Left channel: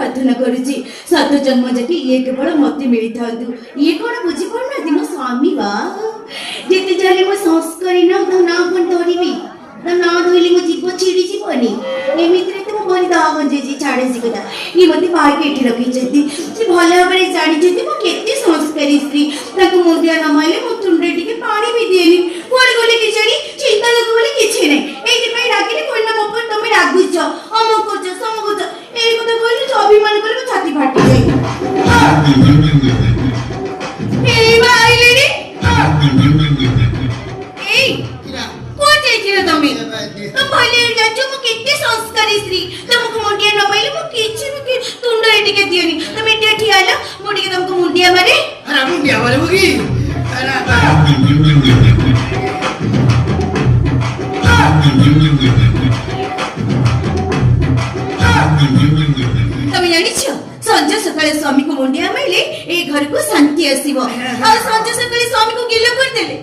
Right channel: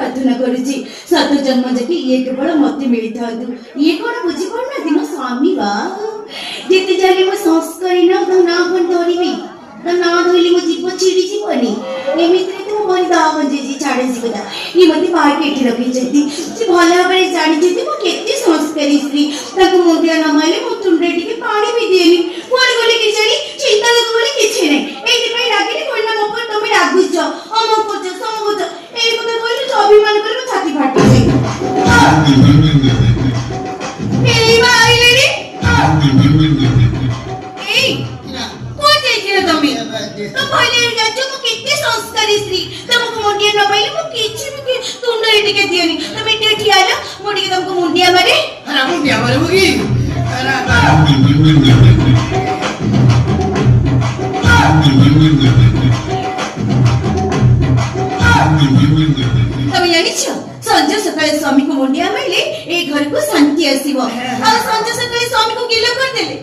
सात जन्म जाके ये केवल मत मिलता ये कौन बुझी पड़ना दिन स्वामी बा जिते जाने मो संस्कारी ना तो ना कोन धरिबी तो ना धइले मो जीव चिड़ी जीवनी एमिति रे तो मोर दाव बंजे जी छाड़े जी कथा ये मते बाहर के एठी रखी जति जे भले बड़े जानी जति मो केते संस्कारी स्त्री ताको मुंडिया न माइले मो तुंडे टिके पानी भी देली कोन गोले किछड़ी चिंता लग बोली किछि नै एति पई लागिले कोन ना मोपर तमे रागुछ अमो कोच समगुच एई कथा कहले तो अभिमान करे छाती फाटी ए भाई रे ए कोन देखिरे तमे तो पहिले जाचो मो केते संस्कारी स्त्री तुमको मुंडिया न पाइले मो किछि भी तुंडे टिके दियनी तमे एठी आला मुंडी के तुमको मुंडिया मारे अरे मुंडिया मारे मुगी अरे तमे जानिछो संजय सकाळे स्वामी को मुंडिया माइले ए घर को शांति आसीबो और संजय सकाळे स्वामी को गिलो कर देले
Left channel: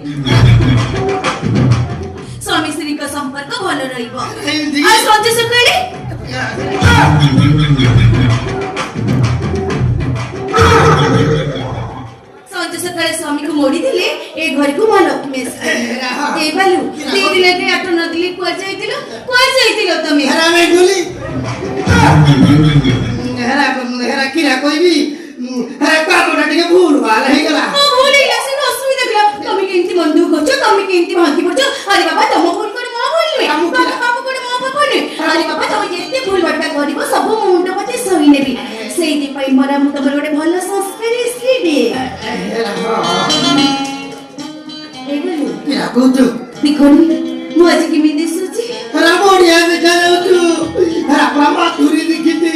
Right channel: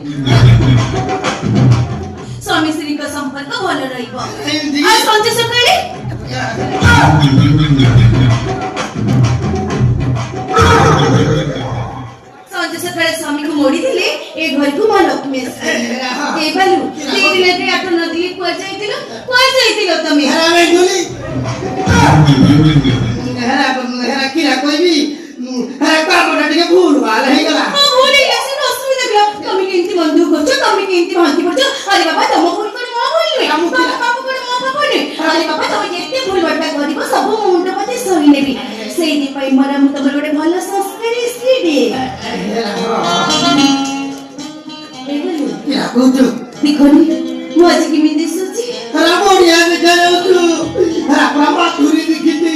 स्वामी श्री का संपर्क भल रहिबो और संजय सकाळे संजय सकाळे स्वामी को मोड़ी देले ए घर को मां लक्ष्मी ए बालू तीन दिन रे आठ नदी को जाइतिलो तमे हरा मैं बोली हरा किरा कोई भी हरा पापा के भूल वाला है गला ओ भूली गसे न असुविधा गला तमे केंती बंधु करछो तमे केंती भांती पड़छो अरे बाबा तम भूल करे मां बोलवे बाबू करे मां बोलवे अरे बाबा तमे जेते भूल बट्टा करिवो सब मुंड पते सही नेबी सेही दि पई मरा मु तमर गोटे भलो संस्कारी स्त्री दे किरा को तो दिखोनी मु आज की मिंदी सुची हरा बोडिया ने करे तू हरा प्रभा तुरी दिखती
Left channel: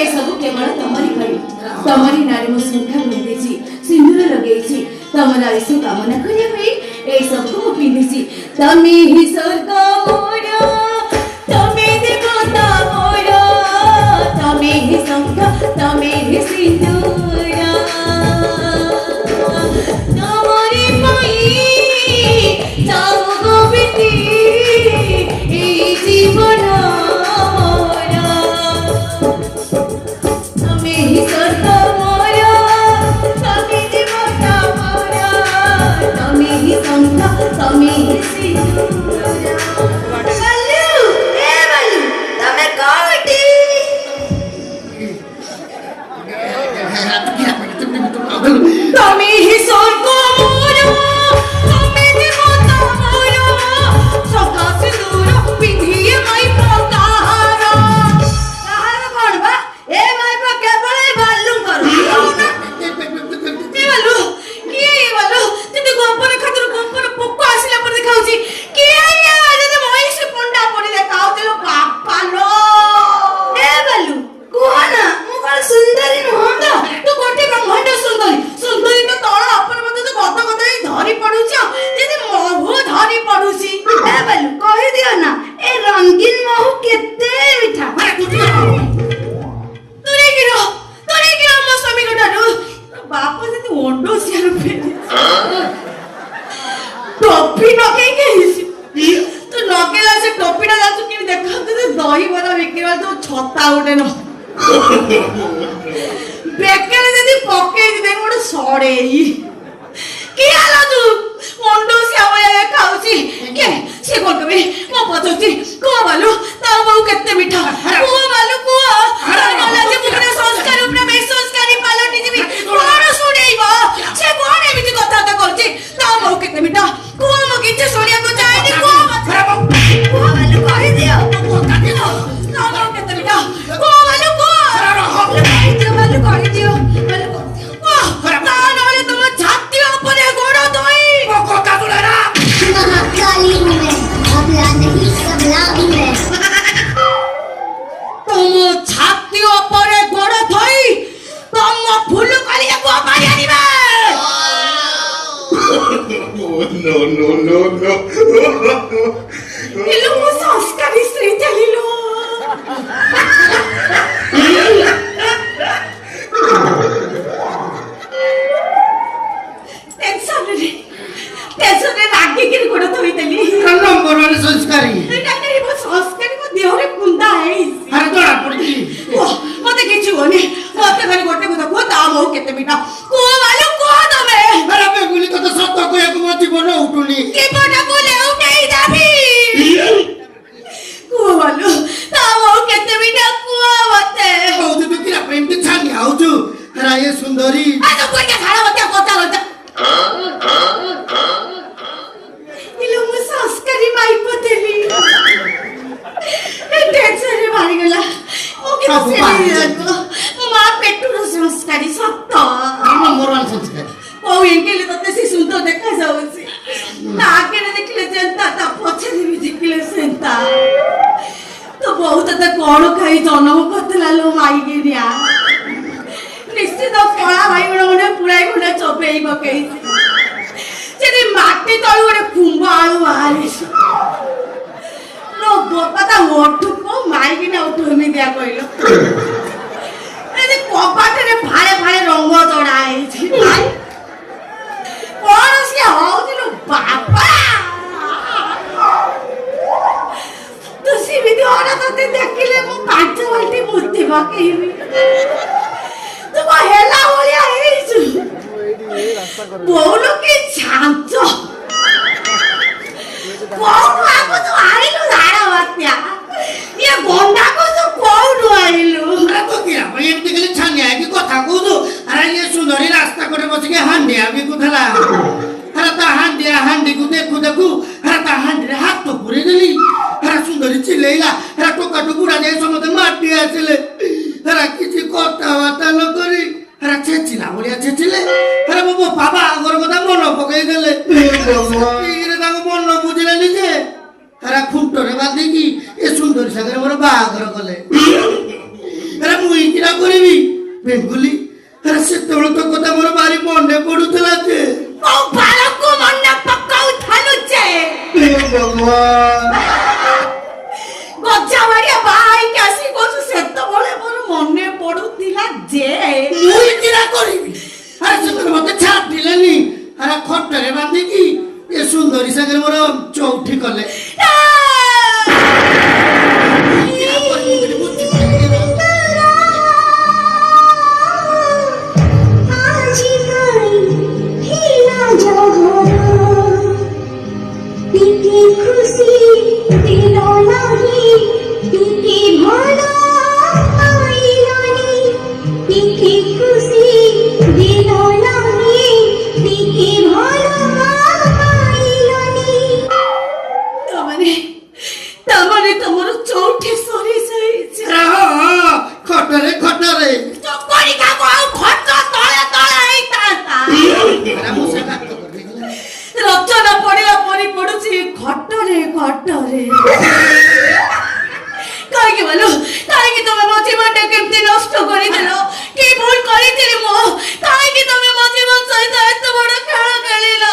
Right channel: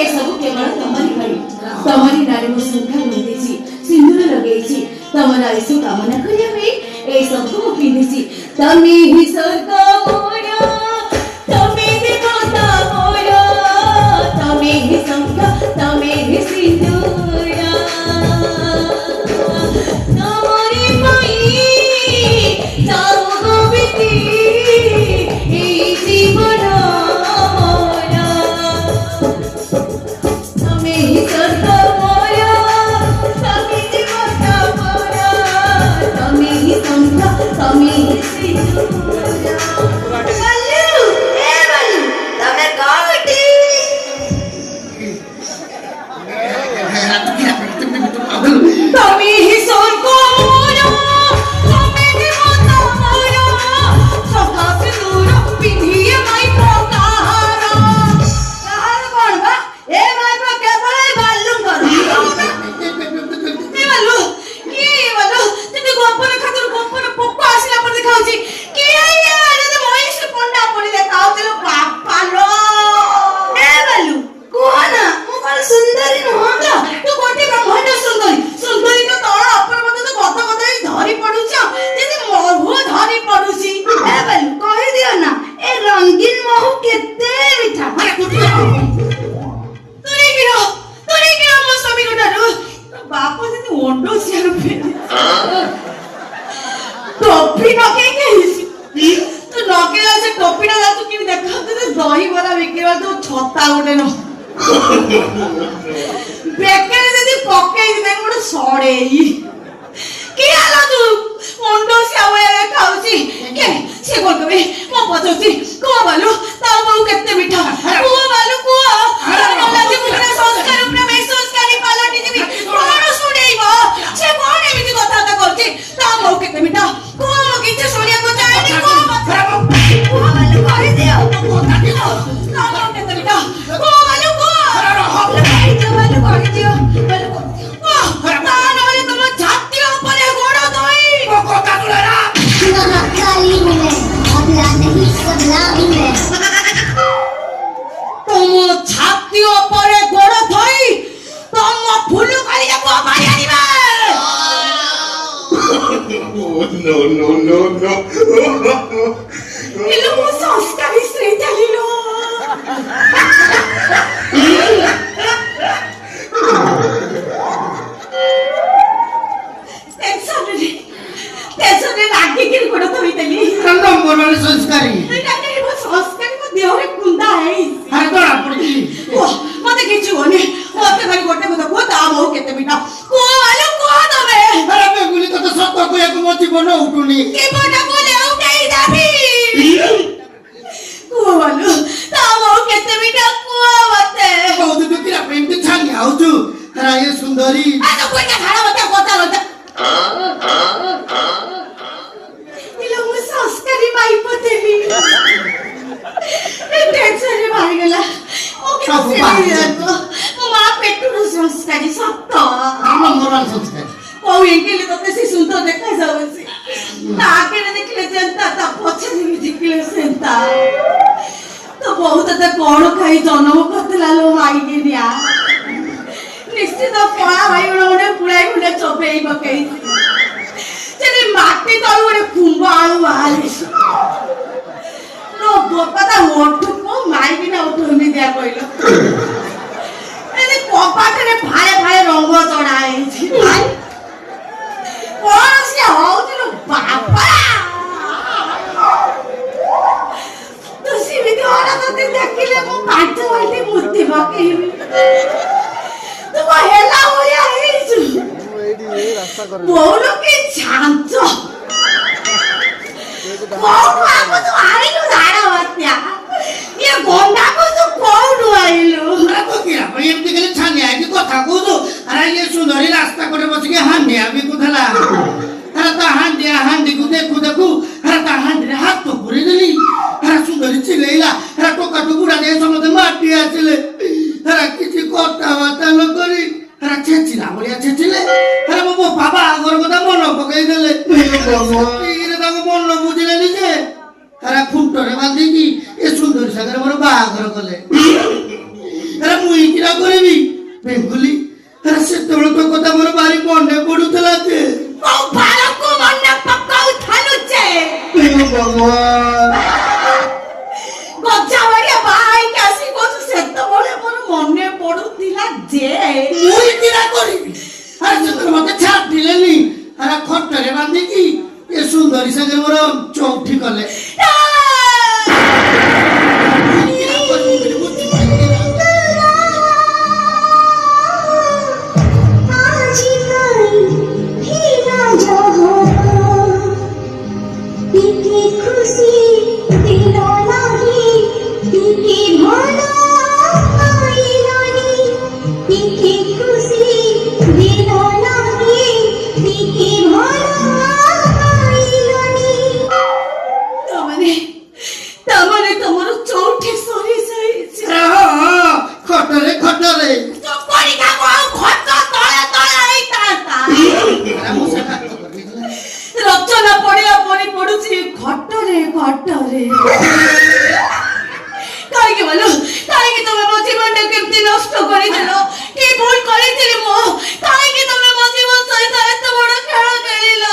ए सब केवल तमरी नारी मो सुखा बंदेची सिंदूर लगेची तमरा ऐसो कामना करिया पे ए सब को पिंदेची तमे ही सरका मोरा तमे देवता मोरा तमे ही संख्या तमे ही सिंदूरा तमरी माई ताऊ गोविंदी ए जीवन 이런 거 ସଂସ୍କାରୀ ସ୍ତ୍ରୀ ଥିଲିଲୋ ଟେନସନରେ ରାଗିକିରି ଗୋଡ଼ ଧୋଇଦେଲି ନମ୍ବର ୱାନ୍ ସଂସ୍କାରୀ ଏଇଟା ମୋ ସଂସ୍କାରୀ ମୋ ଦେହରେ କୁନ୍ଦା ହେଇଛି ଆରେ ଦଳା ପଡ଼ିଛି ମତେ କିଛି ହଉନି ମତେ ଖାଲି ଗୋଟେ କଥା କୁହ ତା ବୋଉ କେତେ ମିଠା କୁହ ଆଲୋ କୁହ ତମେ ଆରେ ବେଗୁଲି ତତେ ସତ କହିବାକୁ ମୋ ଜୀବନ ଉଠୁନି ଜୀବନକୁ ଲେଉଟେଇ ଦେବି କୁହ ଆଲୋ ତା ବୋଉ କେତେ ମିଠା କୁହ ମତେ କହୁଛୁ ତୁ କିରା ପାଇଁ ଏମିତି ଛାନି ଆଉଛୁ ଆରେ ଏ ସୁନ୍ଦରୀ ଆଲୋ କୁହ ଛାଡ଼ ମତେ କଥା କଥା ଇଲୋ ମୁଁ ସଂସ୍କାରୀ ମାଇପ ଥିଲି ଟେନସନରେ ବାହାରିଗଲା ମୋ ସବୁ କିଛି ବାହାରିଗଲା। ମୋ ମା ପେଟୁର ସଂସ୍କାରୀ ସତ ନମ୍ବର ୱାନ୍ ସଂସ୍କାରୀ କୋଉ ଏଙ୍ଗେଲ ତତେ ସେ ସୁନ୍ଦର ଦେଖାଯାଉଛି ତା ଆଗରେ ଦେଖିଲେ ଯେନ୍ତା ତା ପଛରେ ବି ଦେଖିଲେ ସେନ୍ତା ତ ବୋଉ ତତେ କଣ ଖାଇ ଜନ୍ମ କରିଥିଲା ଲୋ ମାଇକିନିଆ ନିଶ୍ଚିତ କଳା ବାଇଗଣ ଗୋଟେ ପୁଳାଇ ଗୋଟେ ଚୋପେଇ ପକେଇଛି ସେଠି ମାଟି ତଳୁ ଗୋଟେ କୁମ୍ଭ ଆଳୁ ବାହାରିଛି ଲୋ ବୋପା ତା ଓଠୁକୁ ମାଇକିନା ଉଠୁନି ଦିଆ କହିଲ କବାଟରେ ଫାଳେ ଫାଳେ ରଙ୍ଗ ଚଢା ହେଇଛି କଣ ସିଏ ହଉଛି ଲୋ ବାପା ତୁ ସେମିତି ହରା ତତେ ଦେଖିଲେ ମୁଁ 5 ବାଲ୍ଟି ମୁତି ପକେଇବି ତୁ କଣ ହେଲା ଭଳିଆ ହେଇଛୁ ବୋଉଲ କି ଛାଞ୍ଚ କୋଉଠୁ ଆକୁ ତୁ ଆଣିଲୁ ଧାର ବାତ୍ୟା ଇଏ ଗଣ୍ଡାକୁ ତୁ କୋଉଠୁ ଆଣିଲୁ ଆରେ ତୁ କିରା ପାଇଁ ଏମିତି ଖାଲି ଛାନିଆ ହେଇକି କଥା କହୁଛୁ ଆରେ ଏ ସୁନ୍ଦରୀ ରାସ୍ତା କଡ଼େ ବସିକି ହାଣ୍ଡିଆ ବିକୁଥିଲା ଆରେ ତା ହାଣ୍ଡିକୁ ଦେଖୁ ଦେଖୁ ଆରେ ତା ହାଣ୍ଡିରେ ହାତ ପୁରେଇ ଦେଲି ଆରେ ସୁନ୍ଦରୀ ଚିଲେଇଲା ଆରେ ଟୋକାଟୁ ବୁଢା ଯାଇ ସମସ୍ତେ ମାଟି ଆସିଲେ ଆରେ କିଛି କଥାବାର୍ତ୍ତା ନ କରି ଆରେ ଛେଚିଲା ଭଳିଆ ଛେଚିଲେ ଆରେ ମୋ ବାବା ଆଗର କଥା ମନ ପକେଇ ଦେଲେ ତାଙ୍କୁ ମନ ବୁଝିଲେନି ଯେ ଆରେ ଖୁଣ୍ଟରେ ବାନ୍ଧିକି ଏ ସୁନ୍ଦରୀ ସାଙ୍ଗରେ ମୋର ବାହାଘର କଲେ ଆରେ ମୁଁ ଇକିରା କରିବି ବେଙ୍ଗୁଲି ଆରେ ସେତେବେଳେ ତ କଥା ମୋର ଭାରି ମନେ ପଡୁଥିଲା ଯେ କୋଉ ଭାରକୁ ମନେ ପକାଉଥାଲୁ ଯେ ଗଜା ବାଡ଼ିଆ ବାହା ହେଇକି ଆସି କହୁଛୁ ସେତେବେଳେ ମୋର ମନେ ପଡୁଥିଲା ଯେ ମୁଁ ଇକିରା କରିବି ଆରେ ସେତେବେଳେ ମତେ ଛାଡ଼ିଲେନି ଆରେ ଖଟରେ ବାନ୍ଧିକି ଏ ସୁନ୍ଦରୀ ସାଙ୍ଗରେ ମୋର ଚଉଠି କଲେ ଇକିରା କରିବି ବୋଲି ବୁଝିପାରିଲି ନା। ତାମାନେ ତମର ଚଉଠି ସରି ଯାଇଛି ଖଟରେ ଖଟରେ ରଚନା ପଡିଲା ପରି ପଡୁଛି ଖଟରେ ଖଟରେ କାହିଁକି ବୋଲ କାହିଁକି ତମେ ମୋ ଜୀବନଟା କେମିତି ନଷ୍ଟ କରିଦେଲ କି ଭୁଲ କରିଥିଲି ମୁଁ କାହିଁକି ତମେ ମୋ ଜୀବନ ସହିତ ଏତେ ବଡ ଖେଳ ଖେଳିଲ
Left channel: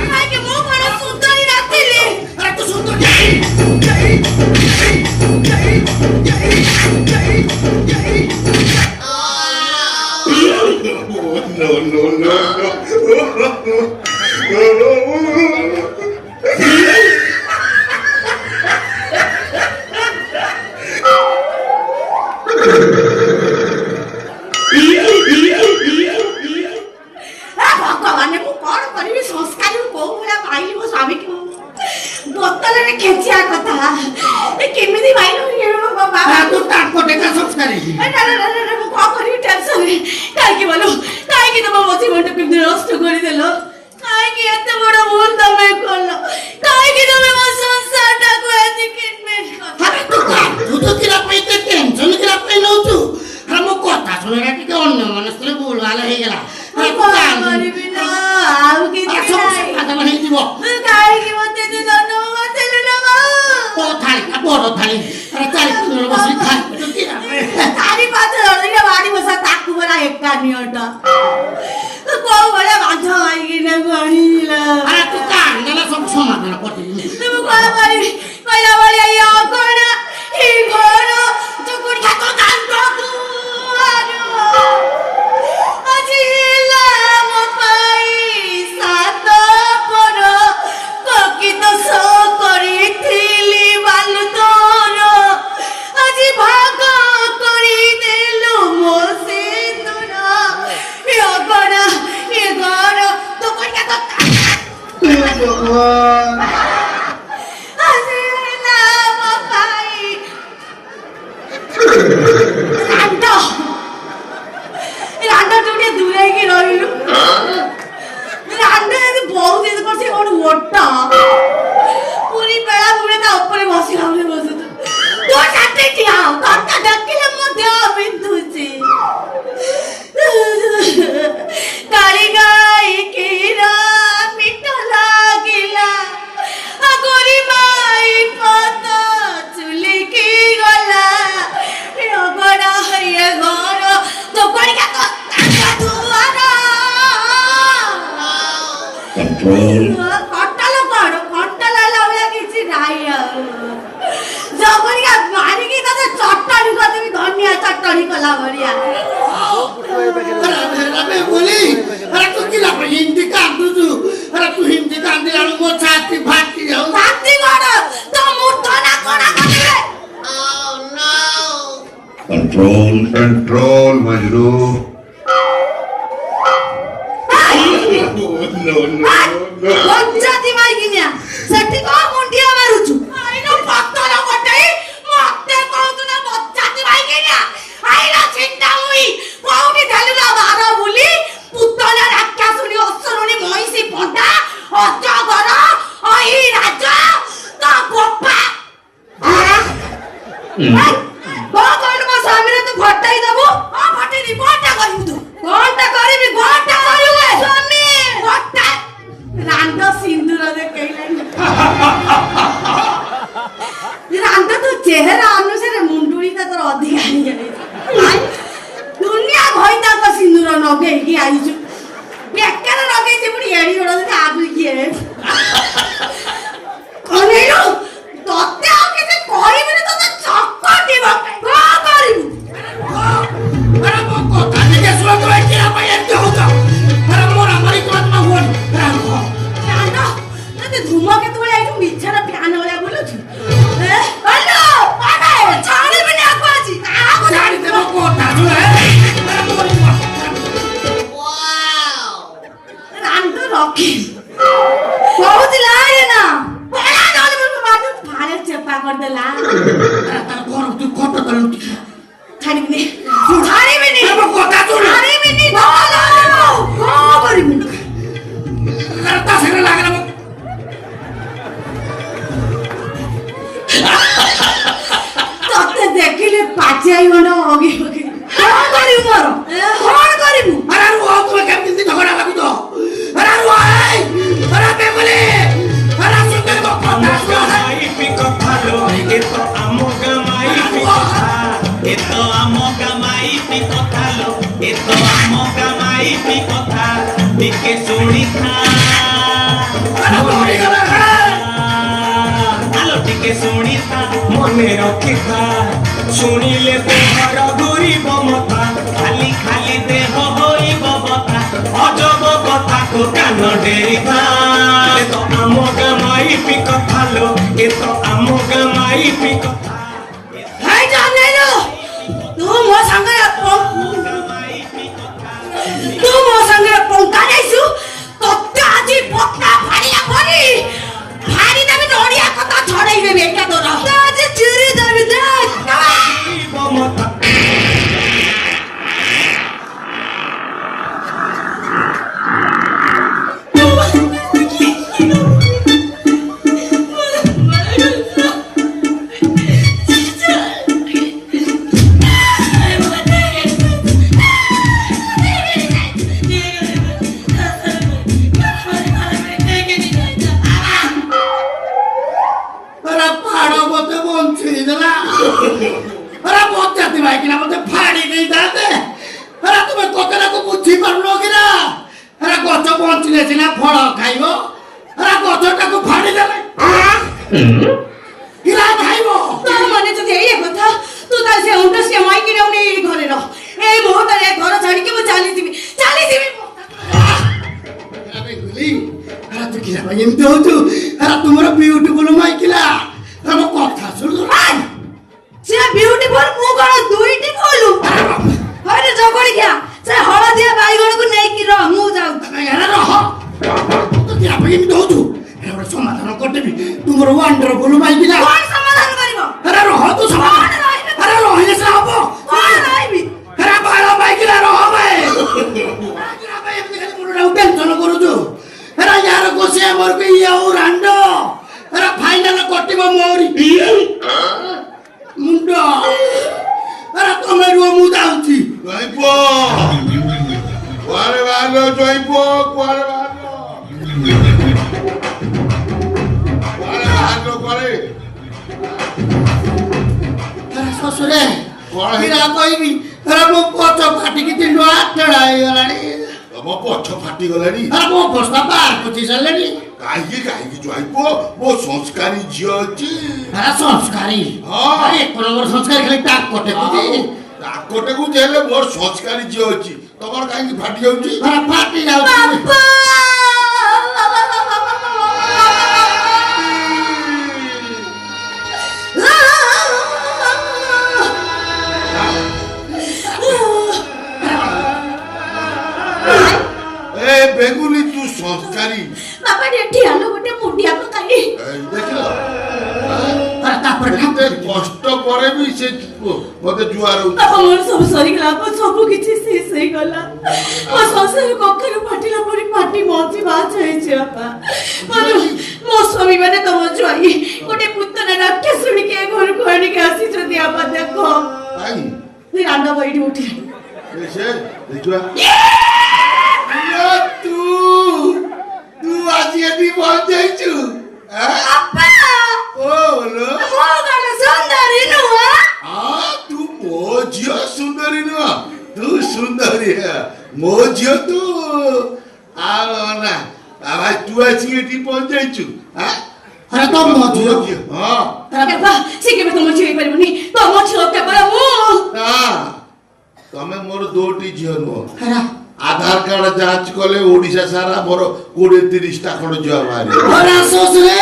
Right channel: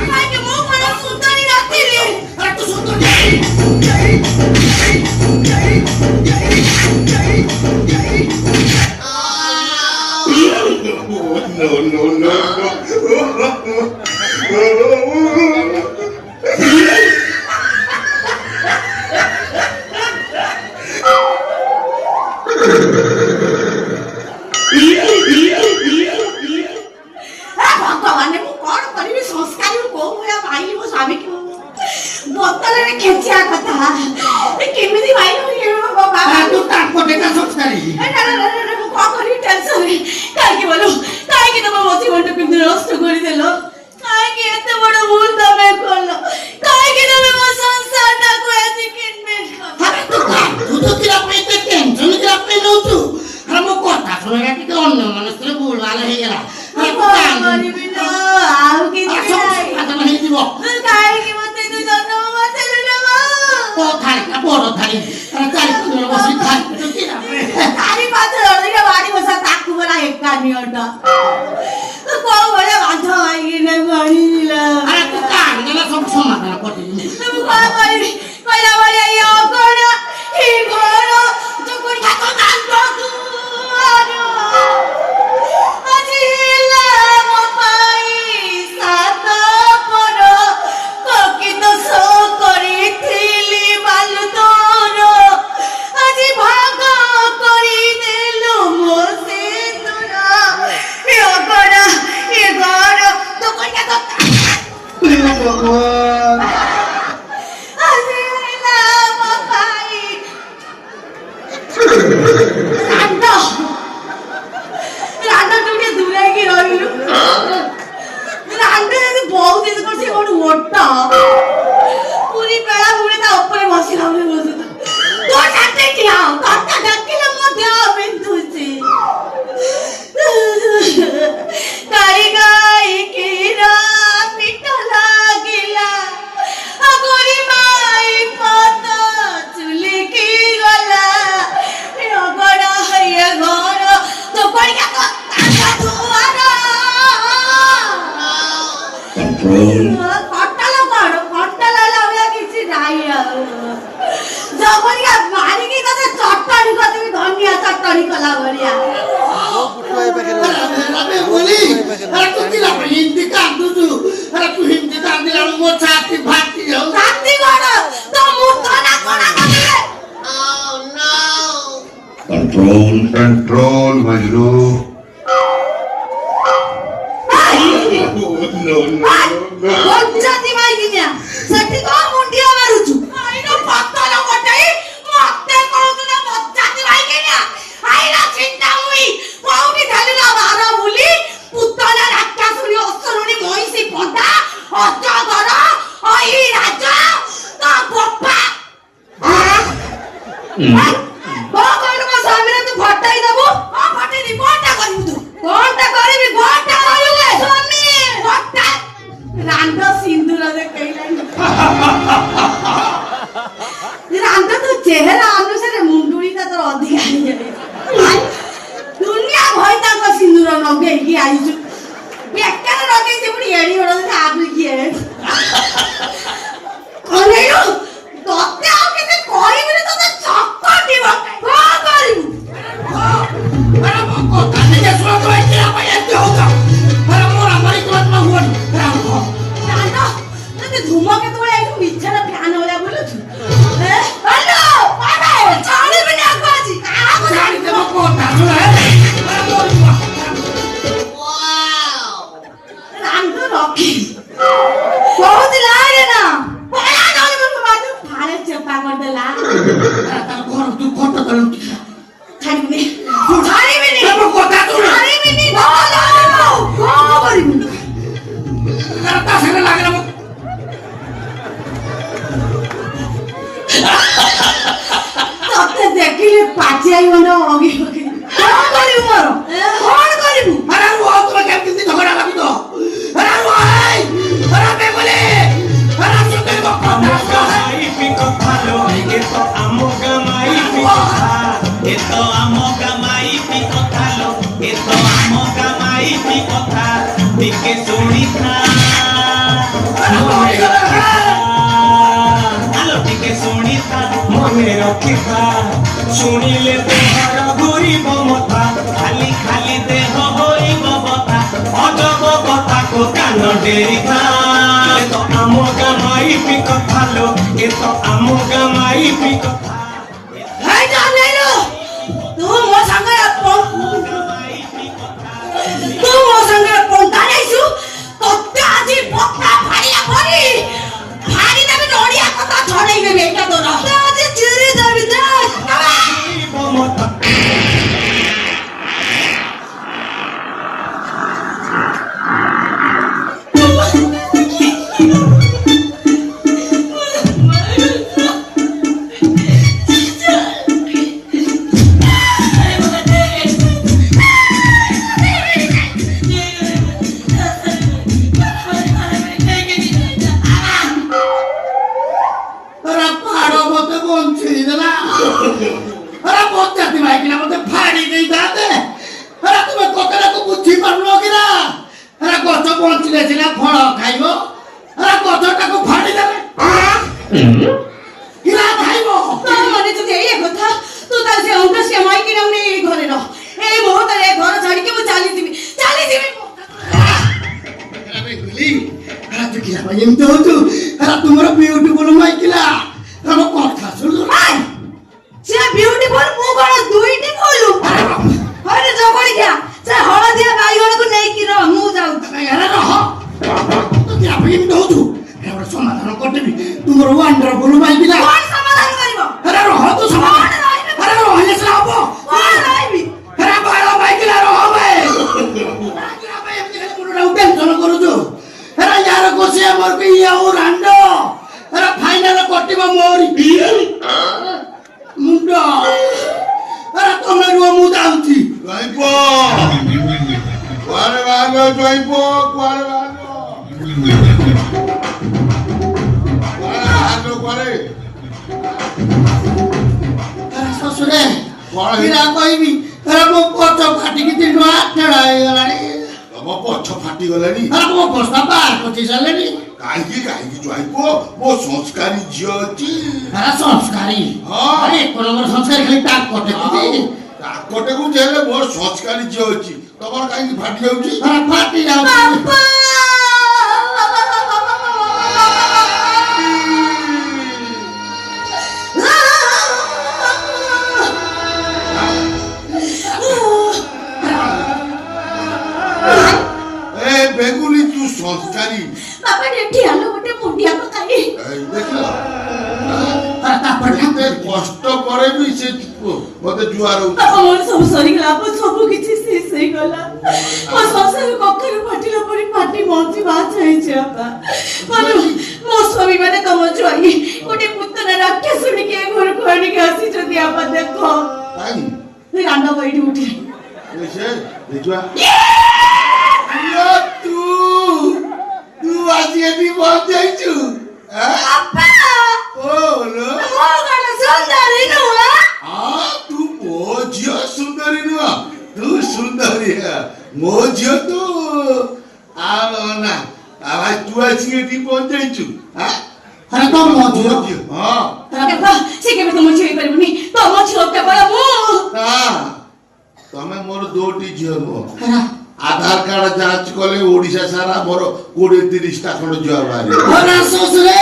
କାହିଁକି ମୁଁ କଣ ସୁନ୍ଦରୀ ନଥିଲି ଭଗବାନ ମୁଁ କଣ କରିବି ସଂସ୍କାରୀ କୋଉ ଭଳିଆ ପାଇଲି ମୋ ସ୍ୱାମୀକୁ ବୋତଲରେ ଖେଚିବା କଥା କେମିତି ପାଇଲୁ ବାବା ତୁ ତାଙ୍କ ଟେକା ସଂସ୍କାରୀ ମୁଁ କଣ କରିବି ଟେନସନରେ କାହିଁକି ବୋଲୁ କାହିଁକି ତମ ମୋ ଜୀବନଟା କେମିତି ନଷ୍ଟ କରିଦେଲ କାହିଁକି ଏତେ ବଡ ଭୁଲ ତମେ କଲ କାହିଁକି ତମେ ମୋ ସଂସାରଟାକୁ ଏତେ କିଡନାପ ତୁ ତ କିରା ପାଇଁ ଏତେ ଟେନସନ କିରା ପାଇଁ ନଉଛୁ ଆରେ ମୋ କଥା ଶୁଣିଲା ଟିକେ ଅନ୍ୟ ମନସ୍କରେ ଭୁଲ ଭାଲ ହେଇଗଲା କରିବି ନା ଆଉ କିଛି ନାହିଁ ହେଇଯିବ କାହିଁକି ମତେ ତୁ ଜନ୍ମ ବସେଇଲୁ ନା ଥାଳିଟା ବଡ ଥାଳି ଆରେ ଚାରି ପାଞ୍ଚ ବସି ଖାଇ ଚାରି ପାଞ୍ଚ ଜଣ ବାড়ি ବସା ତାକୁ ବରା ଏକା ନିଅଣ୍ଟ କୋଉ ଭଳିଆ ବାଧ ମାରିକିନା ଗଣିଲା ଆରେ ତୁ କାନ୍ଦିଲା ସବୁ ସମାଧାନ କରିଦେବି ମୁଁ କଣ କରିବି କହିଲା ଭଳିଆ ଇଏ ଅଗଣ ଏ ଘର ଚୁକୁଡି ହାତ ଦାନ୍ତ ଦୁଆର ଆଜି ହେଲା ମୋ ପାଇଁ ସାତ ପର କକିତ ସୋ କରିଥିଲି ବାଲୁ ତୋର ଆଜି ଭାଗ କରିଦେଲୁ ମୋ ସେ ତୋର ଏ ଅଗଣ ଏ ଘର ଚୁକୁଡି ହାତ ଆଜି ହେଲା ମୋ ପାଇଁ ରାଣ୍ଡ ରାଣ୍ଡ ତୁ ଟିକେ ଦୂରେଇକି ରହିଲୁ ରାଣ୍ଡ ଯଦି ବହୁତ ଦିନ କରିଛି ଗୋଟେ ଓଟ ପୁରୀ ବେଳା ବୁড়ে ତା ଉପରେ ବସିଲା ଭଳି ବସୁଛୁ ତୋ ସାଥେ ଠିଆ ହଉ ତୋତେ ଡାକିଲେ ମୋ ଦେହ ବିନ୍ଧୁଛି ଗାଈ ଗାଈ କ୍ଷୀର ପିଠ ଲାଗିଲା ଆଗରି ମାଇ ପତ ଚୁଲିକି ଗଲା ଏ ଅଗଣ ହଇଏ ଘର ତୋ ପଡ଼ିକା ତ ତାଙ୍କ ଦୁଆର କଣ୍ଟାଲ କଣ କଣ୍ଟାଲ ହେଲା ଭଳିଆ କିଛି ନାହିଁ ଆଉ ଜବରିକା ମାରିକି ତତେ ଚଟଣି କରିଦେବି ଧନିଆ ଚଟଣି କଲା ଭଳିଆ अरे बोली अरे तू किला हिंदी कांदू अरे तू हिंदी कांदिला मो छाती फाटी जाऊ ଛାତି କଣ ତୋ ମୁଣ୍ଡ ନା କଣ କରିବେ Control, control, Majnu. No, no, no. Panchayati ମାଇକିନିଆ ସେଠି କଣ ମୁଣ୍ଡିଆ ମାରୁଛୁ ଆଇନ ପତର ଗୋଟାଇ ମତେ କହୁଛୁ ନା ପଞ୍ଚାୟତି ମାଇକିନିଆ ଆଇନ ଚିନ୍ତା ହୁଇ କୋଉଠି ଖାଲି ନା ବାର ବୋଲି ପୁତଳା ରାକ୍ଷାସୁଣୀ ଅସୁରୁଣୀ ମହିଷୀ ପଣ୍ଡା ଅଜଗର ଅଇ ରାଜ ତ ବୋପା କଣ କହିଲୁ ମୋ ସ୍ୱାମୀରେ ତୁ ଘଟାଇ ଦବୁ ହଁ ଘଟେଇନି କଣଟା କରିବୁ ତୁ କଣଟା କରିବି କଣଟା କରିବୁ ସ୍ୱାମୀ ଘଟା ରାଣ୍ଡ ସିନ୍ଦୁର ଦେଖେଇଲାନି ରାଣ୍ଡ ତୋ ଚେହେରା ଅନୁସାରେ ମୁଣ୍ଡୁଳିଟା ତୋର ଅଧିକା ହେଇଯାଇଛି ଦୁନିଆ ଭଇତାଙ୍କ ସିନ୍ଦୁର ଲଗେଇକି ଆଇଛୁ ବେକାର ଲଗେଇଛି ପୁଣି ଏଡି ବଡ ଆଗରୁ କିଏ ଅନେଇଲୁ ତତେ ଆଉ କିଛି କହିବିନି ତତେ ଚକଟିବ କଣ କରିବୁ अरे वो कोता नहीं सुना तो है क्या भाई ऐसे होगा अरे मोरा मरी तो मत हुआ ରାଣ୍ଡ ତତେ ଧୂମକେତୁ ଭଳିଆ ଏଇଠୁ ମିଛରେ ଫ୍ୟାନ ଭଳିଆ ବୁଲୁଛୁ ରାଣ୍ଡ ପାଠା ଛାଡ଼ିବିନି ଆକୁ ଆଜି କାହାକୁ जानी ते वो कोता सुना है अरे मोरी ରାଣ୍ଡ ରଖି କହୁଛି ଲାଗେ ନା ପଳା ନହେଲେ ମୁଁ ବାଜୁ ଫାଳେ ଚେପା କରିଦେଲା घर तू कोता तो ଛାଡ଼ିବିନି ଛାଡ଼ିବିନି अरे वो कोता तू ଛାଡ଼ିବିନି କଣ କରିବି अरे पास में लग रहा ତତେ ଦେଖିଲି ପାଚିଆଇ ଗଣ୍ଡ ଅଗି ପକେଇ କଣ କରିବୁ ମୋର କଣ କରିବୁ अरे वो तो क्या कितनी झगड़ा लगी तो अरे वो अरे मैं बोले अरे सुन वो कोता ଟିକେ ଶୁଣିଥା ଟିକେ ଶୁଣିଥା ମନେ ରଖିଥା ଶୁଣିଲେ ଦେହର ଘୁରିବ ମଥା ଖାଲି ଖାଲି ଦେହ ହୋଇବ କଥା ଅଜବ କଥାକୁ କାନ ଡେରିଥା ଏ ତ ଆମ ଗାଁ ମାଇପି କଥା ଲୋ ଏ ତ ଆମ ଗାଁ ମାଇପି କଥା ଭାଇ ଜାନେନୁ ତୁ ମୋ ସାଙ୍ଗରେ ତୁ ମୋ ସାଙ୍ଗରେ ପନ୍ଥା ନେଇଛୁ ତତେ ଆଜି ପତା ଫାଡ଼ିଆ କରି ଫାଡ଼ି ଦେବି ନଡ଼ିଆ କଥା ଛଡ଼େଇ ଦେବି ଏଇଟା ତୋର ଆଜି ଚିରି ଦେବି ମମତା কিরা খাইব তোর মনে যদি এই কথা তুই তা সে অঙ্ক সে মাই কিনা আমি এই ঘরে রহ এই বহুত এই ঘর ছাড়িকে মু চালি দিবি বেগুলি আরে তুই কিরা ভাই এমতি হতো আরে তোমার বিউটিফুল মাইকিলা আরে কথা শুনো সে বিউটিফুল মু কোন দুইটি কলু হইরে জগড়ি গিয়া সে হলদিয়া বাইগণକୁ ନେଇକି ରହ ମୁଁ ଯାଉଛି আরে রহ তুই আপনি এমতি হতো এবার সমাধান করতে দিবি তোমার ওয়ান্ডারফুল মাইকিলা কোন সমাধান করিব আরে রহ তো সমাধান আরে রহিলে সাবো কোন রাইবি আরে ভালো মাইকিলা রহ ভাই টেনশন করুଛୁ আরে यार কোসে আমার কে ইয়া ও রান্ড আরে ফাইনাল কটিব মোরি মুন্ড আরে তুমি রুম মু যাଉଛି জয়প কুয়ারে ভালো জয়প কুয়ারে ভালো কুয়ারে আরে শ্বশুরে କଣ কিরা কইবি আরে মো পছ ফাটিকি দিন আটড়া ହେଇଗଲାଣି ତମ ପଛ ଫାଟିଗଲାଣି ଆରେ ମୋ ଅବସ୍ଥା ପାର ପଚି ସାରିଲେଣି କାହିଁକି କାହିଁକି ଜୟପ ମୋ ସଂସ୍କାରୀ ଝିଅ ଅଛି ଆରେ ସଂସ୍କାରୀ ହଁ। ଆରେ ଏକ ନମ୍ବର ସଂସ୍କାରୀ ଖାଲି ତା କଟେ କୁଦି ତାକଟକୁ ହେଲେ ମୋର ସଂସ୍କାରୀ ଝିଅ ଅଛି ତମର କାହିଁକି ଫାଟି ଯାଉଛି ଆରେ ଫାଟି ଯାଉଛି ବାପା ଏ ବେଗୁଲି ତୁ ସଂସ୍କାରୀ ବାପା ଏଠି ଆଲୋ ଗୋଟେ ମୁଣ୍ଡିଆ ପକାଇ ଦେଖିଲ ଆରେ ତାପରେ ଏତେ କଷ୍ଟ ପରେ ବି ସେ ମତେ ଜୁଆର ହଉଛି ବାପା ମୋର ସବୁ ସରିଗଲା ବାପା ସବୁ କିଛି ଶେଷ ହେଇଗଲା ମୋ ଶ୍ୱଶୁର କଖାରୁ ଫାଟିଲା ପରେ ପାଟି ମଞ୍ଚି ବାହାଚ ହେଇଛି ବାପା ମୋ ସ୍ୱାମୀ ମାନେ ତମ ଜ୍ୱାଇଁ ଗୋଟେ ପୁତନା ରାକ୍ଷସ ଶୁଣିକି ଏ ଘରକୁ ଆଣିକି ଆସିଛନ୍ତି ବାପା ଦେଖ କାଇଁ ରାଣ୍ଡ ବଇଠି ଉଠିଲାଣି ସେ ଦେଖିବା ତୁ ତୁ ଆଜି ଏଠି ପହଞ୍ଚାଇଛୁ ବାପା ଓଲୋ ମୋ କଣ ସୁନ୍ଦରୀ ନୁହଁ ତୁ ମୋ ଝିଅ ସୁନ୍ଦରୀ ନୁହଁ ତୁ ସୁନ୍ଦରୀ ମୋ ଝିଅ ତୁ ଆଉ ନା ଭାଇ ତୁ ଆସିକି ଏଠି ପହଞ୍ଚାଇଛୁ ଆରେ ତୋ ମୋ ଝିଅ ହଁ ଦେଖ ସେ କେବେ ତମ ଝିଅ ହେଇପାରିବନି ତମ ଝିଅ କେବଳ ମୁଁ ତମେ ମୋର ଦୁଇଟି ଝିଅ ନୁହଁ ଆରେ ଆଧାର କାର୍ଡ ଯାଞ୍ଚ କଲେ ଓଡିଶା ସାରା ମୋର 20-30ଟା ଖଣ୍ଡ ଝିଅ ବାହାରିବ ଆରେ ଶ୍ୱଶୁରେ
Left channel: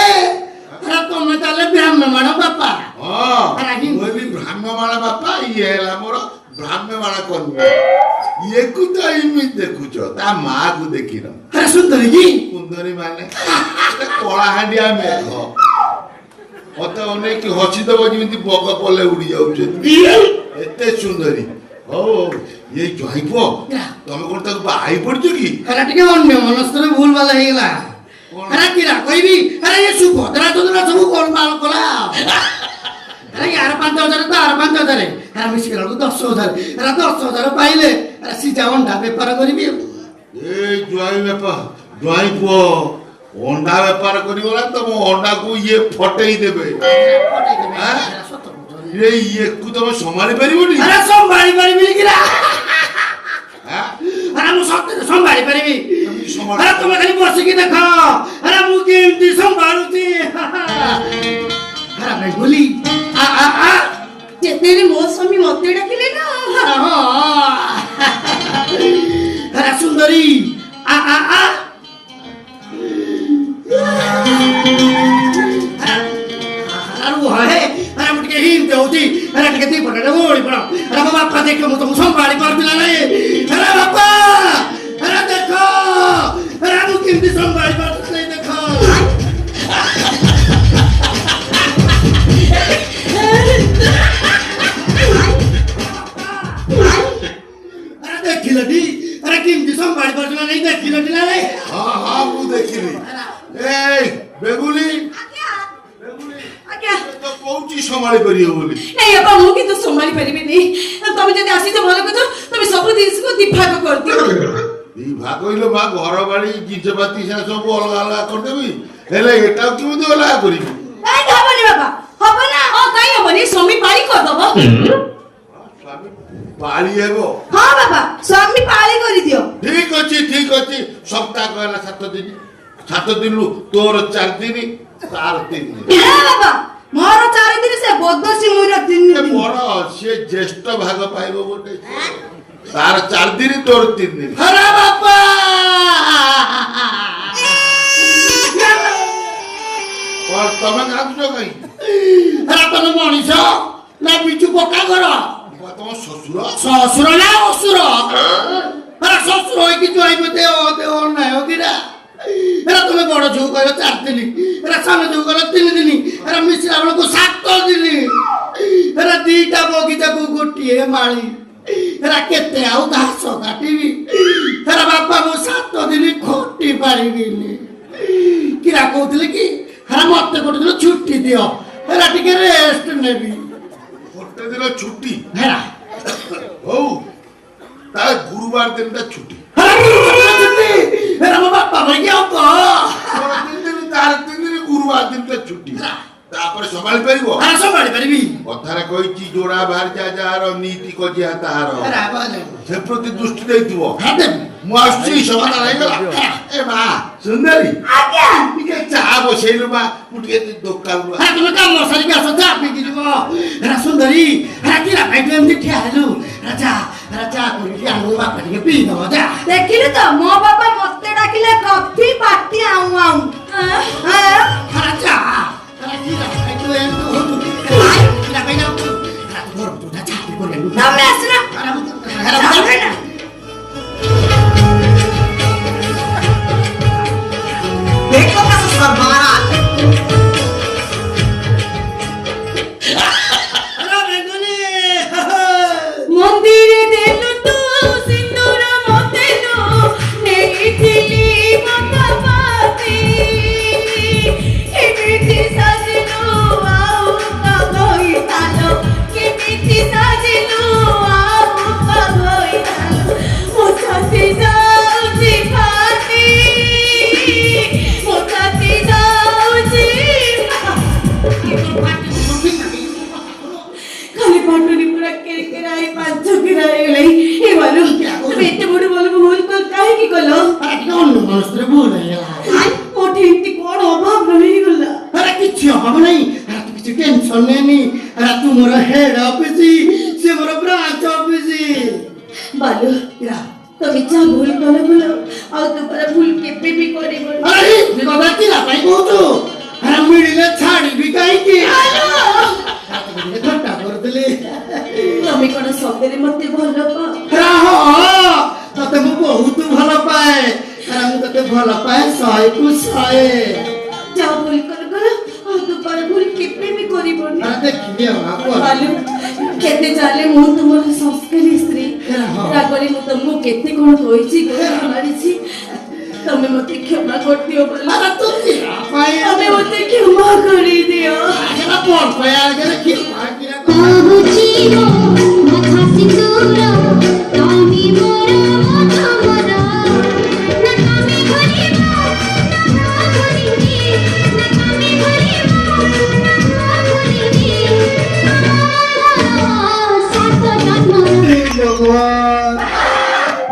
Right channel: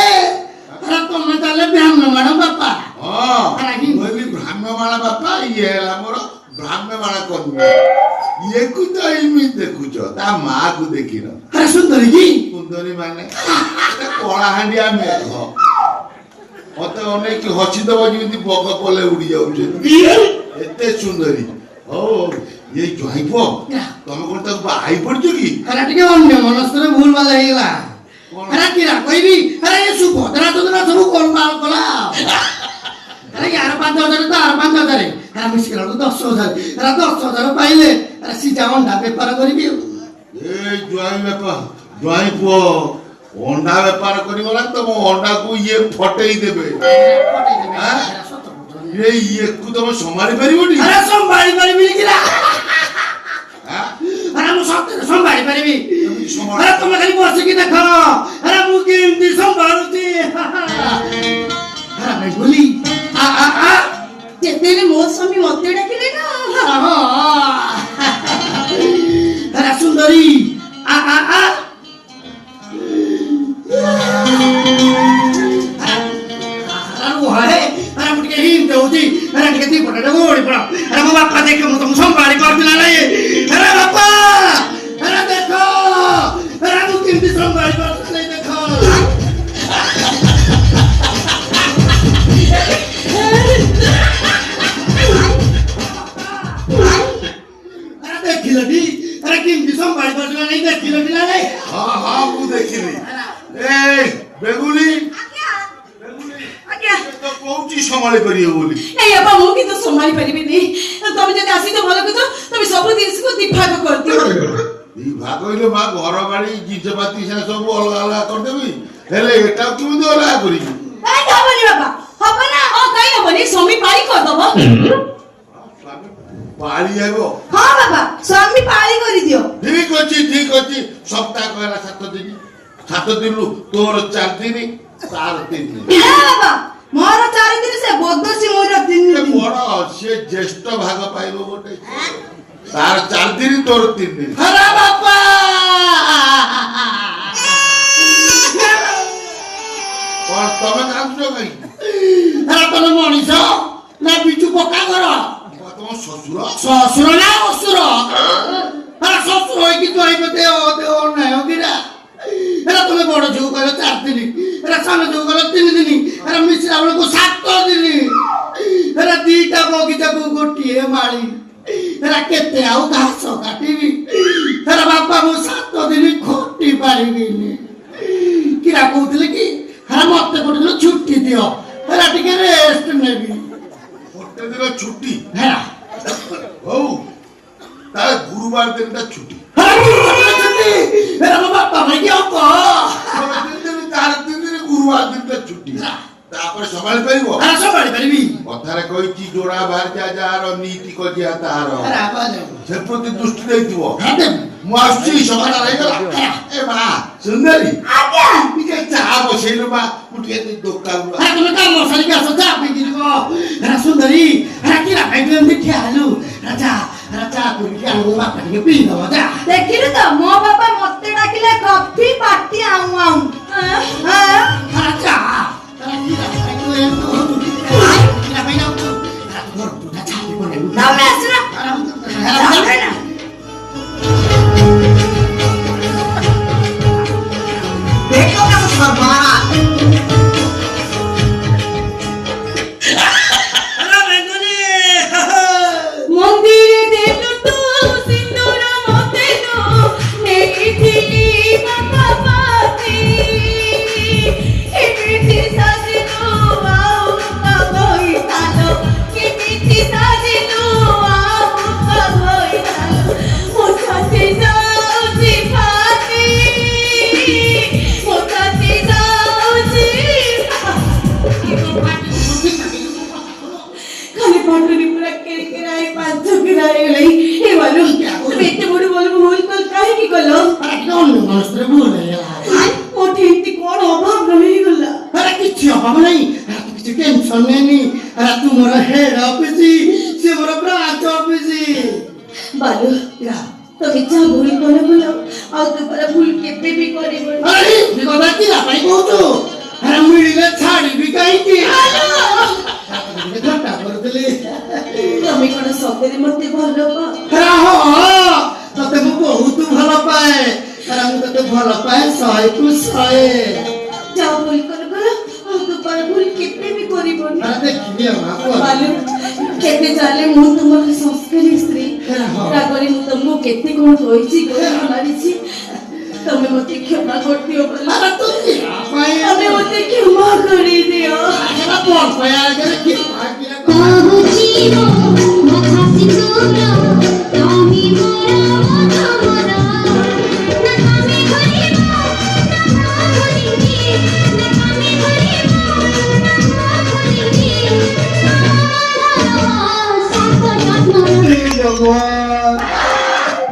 ଆରେ ତମେ ତାହେଲେ ବ୍ରାହ୍ମଣ ବାପା ହଁ ମୁଁ ବି ବ୍ରାହ୍ମଣ ବାପା ଇଏ ହେଲା ମୋର ବ୍ରାହ୍ମଣ କନ୍ୟା ଇଏକୁ ତ ଏମିତି ଦେଖୁଛ ତା ମାକୁ ଦେଖିନ ଆରେ ସୁନ୍ଦରୀ କି ସୁନ୍ଦରୀ ମାନେ କଳାହାଣ୍ଡିଆ ମେଘ ମତେ ଅନେକ ହସିଦବ ଯେମିତି ବଗ କଲେ ଉଡି ଯାଉଛନ୍ତି ଏତେ ସୁନ୍ଦରୀ ହଉ ଇଏ ଜହିବ ତମେ କଣ ତାକୁ ବାହାଇ ପଡିଛ କି ଆରେ ଟିକେ ଅନ୍ୟ ମନସ୍କରେ ଭୁଲ ଭାଲ ହେଇଗଲା ଆରେ କିରା କହିବି ଆରେ ଏ ସୁଭଦ୍ରା ଯୋଜନା ସବୁ ଗୋଳମାଳ କଲା ଆରେ ୟାର 5,000 ତାର 5,000 ଆରେ ମିଶିକି 10,000 ଆରେ 10,000 ପାଇଲେ ଆରେ ସିଧା ଅଣ୍ଡା ବେପାର କରିବି ଏ ଜ୍ୱାଇଁ ବେପାର ଜ୍ୱାଇଁ ପୁଅ ଅଣ୍ଡା ବେପାର କରିବ ନା ତମ ଅଣ୍ଡାକୁ ଇଏ ଫଟେଇ ଦେବେ ଇଏକୁ ତମେ ସମ୍ଭାଳି ପାରିବନି ଆରେ ସମ୍ଭାଳି ପାରିବି କିରା ଆରେ ମୁଁ ସତରେ ସମ୍ଭାଳି ପାରିବି ଆରେ ତମେ ଖାଲି ବସିକି ଦେଖ ଆରେ ମୁଁ କେମିତି ସମ୍ଭାଳୁଛି ଆରେ ଭାଇ ବୋଲି ଯେତେବେଳେ ମୋ ସ୍ୱାମୀ ମତେ ଡାକିଲେ ନା ଆରେ ସୁନ୍ଦରୀ ଆରେ ମୁଁ ଟିକେ ହିଂସ ହଉଛି ଆରେ ଟିକେ ଦି ପଟେ ଓଳି ପଡ ଆରେ ମୋ ବାପା ଦେଖ ମୁଁ ତମକୁ ସମ୍ଭାଳି ପାରୁଛି ନା ନାଇଁ ଆରେ ବାପା ଆରେ ଦେଖ ଆରେ ମୁଁ କେମିତି ସମ୍ଭାଳି ପାରୁଛି ନାଇଁ ଦେଖ ଆରେ ଦେଖିଲଟି ଆରେ କେମିତି ସମ୍ଭାଳି ପାରୁଛି ନା ନାଇଁ ଦେଖିଲଟି ନା ନାଇଁ ହଁ ମୁଁ ଦେଖିଲି ଏ ବେଗୁଲି ତ କହୁଛି ସମ୍ଭାଳି ପାରିବ ବୋଲି ନାଇଁ ବାପା ମୁଁ କିନ୍ତୁ ସମ୍ଭାଳି ପାରିବିନି ତମେ ଯଦି ଆସିଛ ଭଲ କଥା ତମେ ସବୁ ଜିନିଷକୁ ଦିଭାଗ କରିଦିଅ ଦି ଭାଗ କହିଲେ ମା ଘର ବାଡି ଜିନିଷପାତି ସେ ସବୁ ଅଲଗା ଅଲଗା କରିଦେବି ହେଲେ ଏଟାକୁ କେମିତି ଅଲଗା କରିବି କାହିଁକି ହବନି ବାପା ହବ ନା କାହିଁ ହବନି ସ୍ୱାମୀ ପାଳି କରିଦବ ପାଳି ହେବ ହଁ ବାପା ସ୍ୱାମୀ ପାଳି କରିଦିଅ ଠିକ ଅଛି ସପ୍ତାହ ହେଲା 7 ଦିନ 7 ଦିନରୁ ତୋର 4 ଦିନ ତାର 3 ଦିନ ଏ ବାବା ମୋର 4 ଦିନ ସେ ବଦମାସି ମୋର 3 ଏ ଦିନ ବଡ ସେ ଜ୍ୟେଷ୍ଠ ଭାଗ ପାଇବ ଗୋଟେ ତାର 4 ଦିନ ତୋର 3 ଦିନ ଆରେ ବାପା କଣ ତମେ କାନ୍ଦୁଛ କାହିଁ ଆରେ ତମେ ମଣିଷ ନା ବିଜୁ ପକ୍କା ଘର ତମ ଶ୍ୱଶୁର ଶ୍ୱଶୁର ନା ଅସୁର ଆରେ ଶ୍ୱଶୁର ହେଇକି କହିବ ଦେ ନାଇଁ କିରା ଏରା ତମେ ବଡ ଝିଅ କହିଲ 4 ଦିନ ଏରା ସାନ ଝିଅ କହିଲ 3 ଦିନ ଏରା ମିଶିଲା ବେଳକୁ 7 ଦିନ ଏରା 2ଟା ବଗିଚାକୁ ଗୋଟିଏ ମାଳି ଏରା କେତେ ଆଉ ଘାସ କାଟିବି ଏରା ବାପା ମୁଁ 7 ଦିନ ଖଟି ପାରିବିନି କିରା କହୁଥିଲେ କି ହେରା ମତେ ଗୋଟେ ଦିନ ଛୁଟି ଦିଅ ହେରା ଟିକେ ରେଷ୍ଟ ନେବି ଗୋଟେ ଦିନ ଛୁଟି ହେରା ହଉ ତାର ଗୁରୁବାର ଦିନଟା ଛୁଟି ହେରା ଛୁଟି ହେରା ମୋ ବାପା ଭାଇକି ଆଉ କହ ତାର 3 ଦିନ ଗୁରୁବାର ଦିନଟା ଛୁଟି ତାପରେ ସମ୍ଭାଳି ପାରିବ ହେରା ସମ୍ଭାଳି ପାରିବି କଥାରେ କହିଛି ଯୋଡା ବାହାରିଯା ଯାହାର ନୀତି କଜିଆ ତାହାର ହେରା ଆବାଜ ସେ ପ୍ରତି ଦୃଷ୍ଟି ଦେଇଥିବ ହେରା ମୁଁ ଆସୁଛି ସମାଧାନ ହେଇଗଲା ଏ ମା ସୁନ୍ଦରୀ ଆଜ୍ଞା ଟିକେ ଚା ବସେଇଲୁ ମା ମୁଁ ଟିକେ ଦୋକାନରୁ ହେରା ତମେ କାମ ସାରିକି ଆସ ଚା ପିଇକି ଯିବ ହେରା ସୁନ୍ଦରୀ ହେରା କିରା ଖାଇକି ଏମିତି ଠିଆ ହେଲୁ ହେରା ଚା କରିକି ଆମ ବାପା ଟିକେ ପିଇ ଦବ ଯା ଦେଖିଲୁ ତ ମୋ ବାପା ମତେ ଡାକିଲା କଫି ପାଟି ଆଉଁ ଆଉଁ ହେରା ଚା ହେରା କିରା ଖାଇକି ଏମିତି କିରା ପାଇଁ ନା ହେରା ଘର ତୁଟା ଚା କରି ତମେ ଆସୁନ ତମେ ନା देखो ना उसका मारा মন্দিরে দেলু তো সিন্দুর মতে তো নেকিছিলি মাথা পাতি এমিতি সাজিলু আউ কাগই তালো এমিতি সাজিলু আউ কাগই তালো মোছাতে যাউছি ফাটি মোছাতে যাউছি খালি পাটুনি পুরা কেড়ে কেড়াই পাঁচ কেড়াই এলাই এ বলো তুমি এত বড় বড় ভুল কল কাহিনী কলো অন্য মানুষের ভুল হয়ে গেল মোটে এমনি কোন অভাব হয়ে গেল আরে কিচ্ছু অভাব নাই আর তো কিছু টেনশন নেই আর তোমার হেড অফিসি সে বড় ব্রাঞ্চ অফিসি বলো তুমি যা ভুল করে বলো আর তোমার ভুল কেতে বি করিব আরে কথা কি আপনি কହୁଛୁ আরে মিডিলে ছাড়িবি কাইকি ঘন্টা করতেলে তুমি কোন সত্যি মতে ভালো পাও ততে ମୁଁ ବହୁତ ଭଲ ପାଏ ମୁଁ ତତେ ଭଲ ପାଏ 100 କୁ 100 যা ভুল করে বলো আর তোমার ভুল কেতে বি করিব আরে ଦେଖିଲେ ମା বলো কেতে জালে মু তোমার সংস্কারী স্ত্রী রাগরে মু তোমাকে কেতে কোন কইছি গোড়া মারিছি তুমি মতে ক্ষমা করদিও বলো আরে তো কি পাই তুমি মতে ক্ষমা করে দিও